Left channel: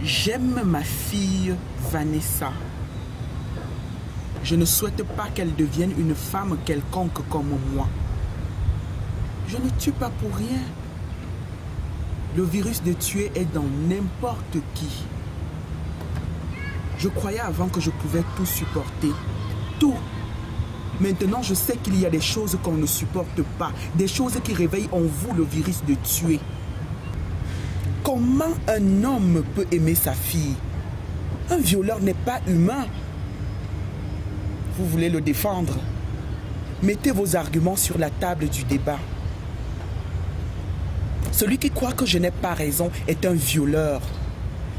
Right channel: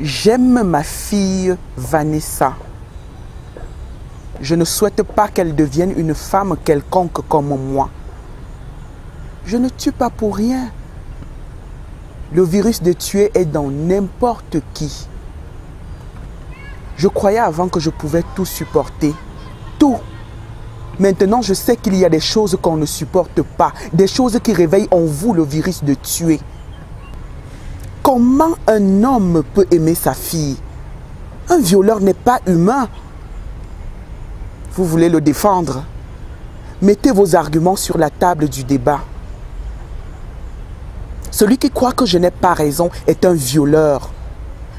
J'aime ma fille Vanessa. Je ne souhaite pas qu'elle devienne une femme quelconque comme moi. Je ne tue pas pour rien. Le virus de tuer est dans n'importe qui. Je croyais avant que je pouvais tout supporter. Tout. Maintenant, je sais qu'il y a des choses qu'on ne supporte pas. Des choses qui réveillent en vous le virus de tuer. Comment un homme peut aimer sa fille? Un violeur n'est pas humain. Vous voulez le défendre? Mettez vos arguments sur la table du débat. Celui qui croit que je n'ai pas raison est un violeur.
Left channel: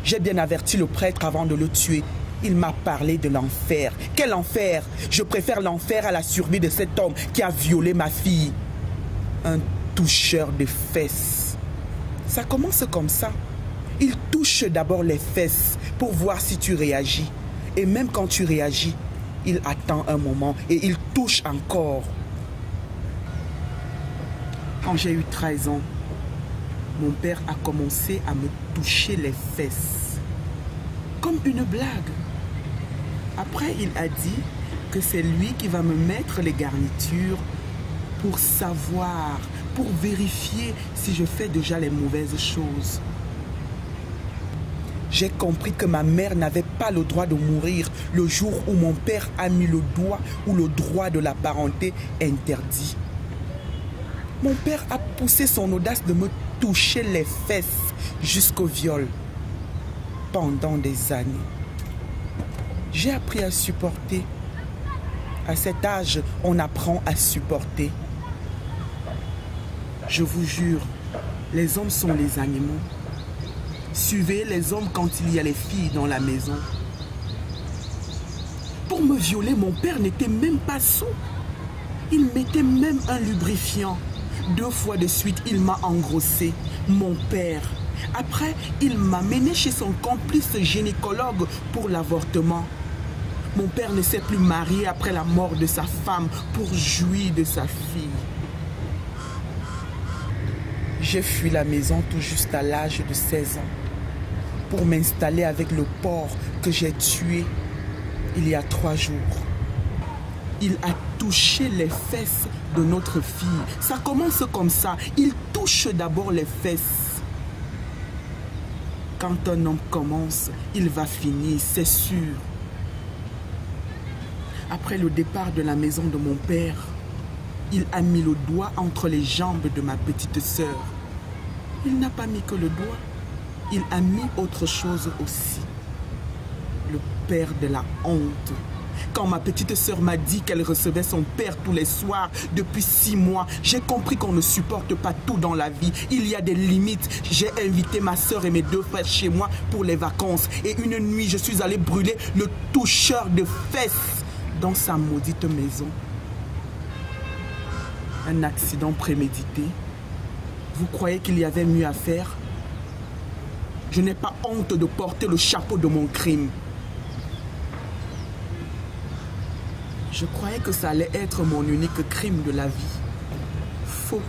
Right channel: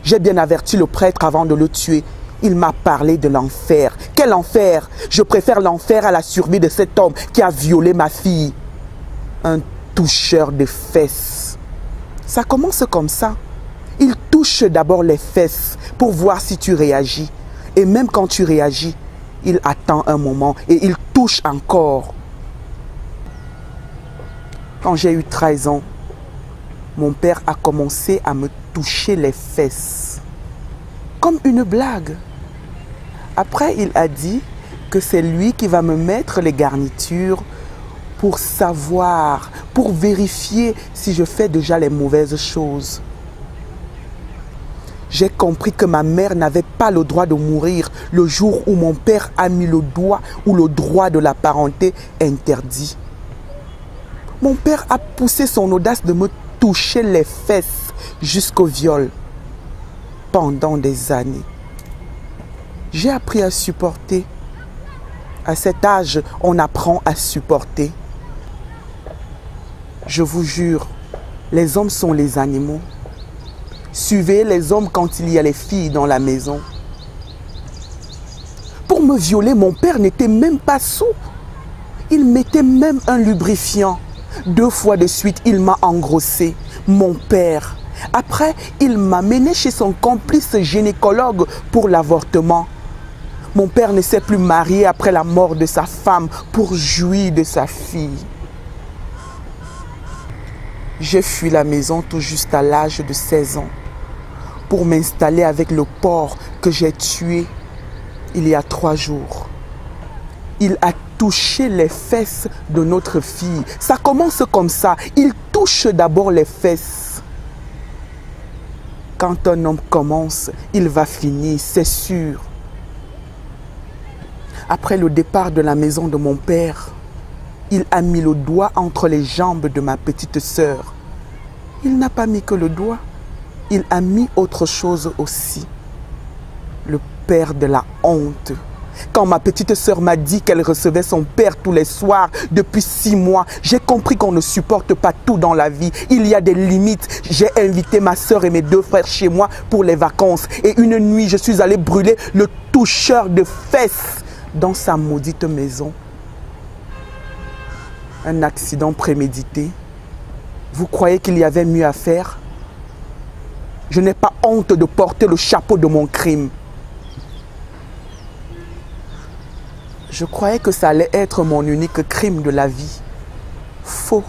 J'ai bien averti le prêtre avant de le tuer. Il m'a parlé de l'enfer. Quel enfer? Je préfère l'enfer à la survie de cet homme qui a violé ma fille. Un toucheur de fesses. Ça commence comme ça. Il touche d'abord les fesses pour voir si tu réagis. Et même quand tu réagis, il attend un moment et il touche encore. Quand j'ai eu 13 ans, mon père a commencé à me toucher les fesses. Comme une blague. Après, il a dit que c'est lui qui va me mettre les garnitures pour savoir, pour vérifier si je fais déjà les mauvaises choses. J'ai compris que ma mère n'avait pas le droit de mourir le jour où mon père a mis le doigt où le droit de la parenté interdit. Mon père a poussé son audace de me toucher les fesses jusqu'au viol pendant des années. J'ai appris à supporter. À cet âge, on apprend à supporter. Je vous jure, les hommes sont les animaux. Suivez les hommes quand il y a les filles dans la maison. Pour me violer, mon père n'était même pas saoul. Il mettait même un lubrifiant. 2 fois de suite, il m'a engrossé. Mon père. Après, il m'a mené chez son complice gynécologue pour l'avortement. Mon père ne s'est plus marié après la mort de sa femme pour jouir de sa fille. J'ai fui la maison tout juste à l'âge de 16 ans pour m'installer avec le porc que j'ai tué il y a 3 jours. Il a touché les fesses de notre fille. Ça commence comme ça. Il touche d'abord les fesses. Quand un homme commence, il va finir, c'est sûr. Après le départ de la maison de mon père, il a mis le doigt entre les jambes de ma petite sœur. Il n'a pas mis que le doigt. Il a mis autre chose aussi. Le père de la honte. Quand ma petite sœur m'a dit qu'elle recevait son père tous les soirs depuis 6 mois, j'ai compris qu'on ne supporte pas tout dans la vie. Il y a des limites. J'ai invité ma sœur et mes 2 frères chez moi pour les vacances. Et une nuit, je suis allé brûler le toucheur de fesses dans sa maudite maison. Un accident prémédité. Vous croyez qu'il y avait mieux à faire? Je n'ai pas honte de porter le chapeau de mon crime. Je croyais que ça allait être mon unique crime de la vie. Faux.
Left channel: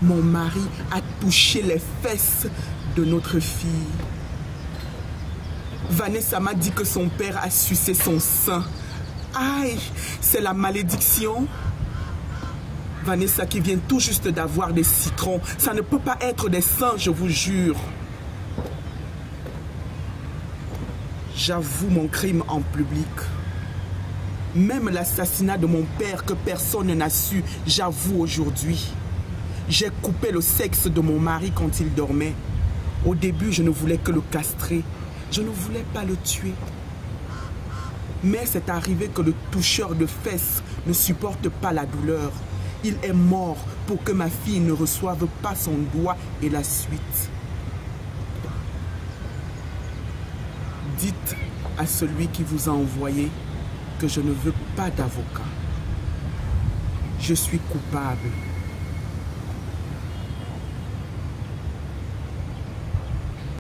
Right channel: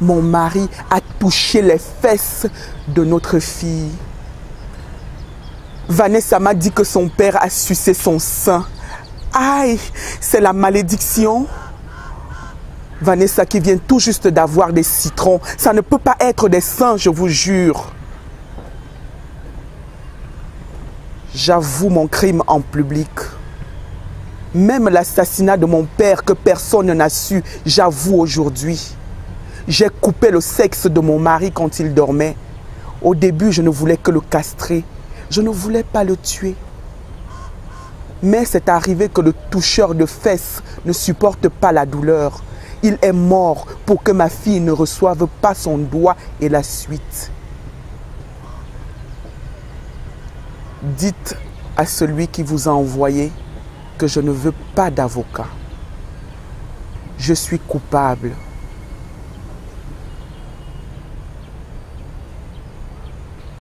Mon mari a touché les fesses de notre fille. Vanessa m'a dit que son père a sucé son sein. Aïe, c'est la malédiction. Vanessa qui vient tout juste d'avoir des citrons. Ça ne peut pas être des seins, je vous jure. J'avoue mon crime en public. Même l'assassinat de mon père que personne n'a su, j'avoue aujourd'hui. J'ai coupé le sexe de mon mari quand il dormait. Au début, je ne voulais que le castrer. Je ne voulais pas le tuer. Mais c'est arrivé que le toucheur de fesses ne supporte pas la douleur. Il est mort pour que ma fille ne reçoive pas son doigt et la suite. Dites à celui qui vous a envoyé que je ne veux pas d'avocat. Je suis coupable.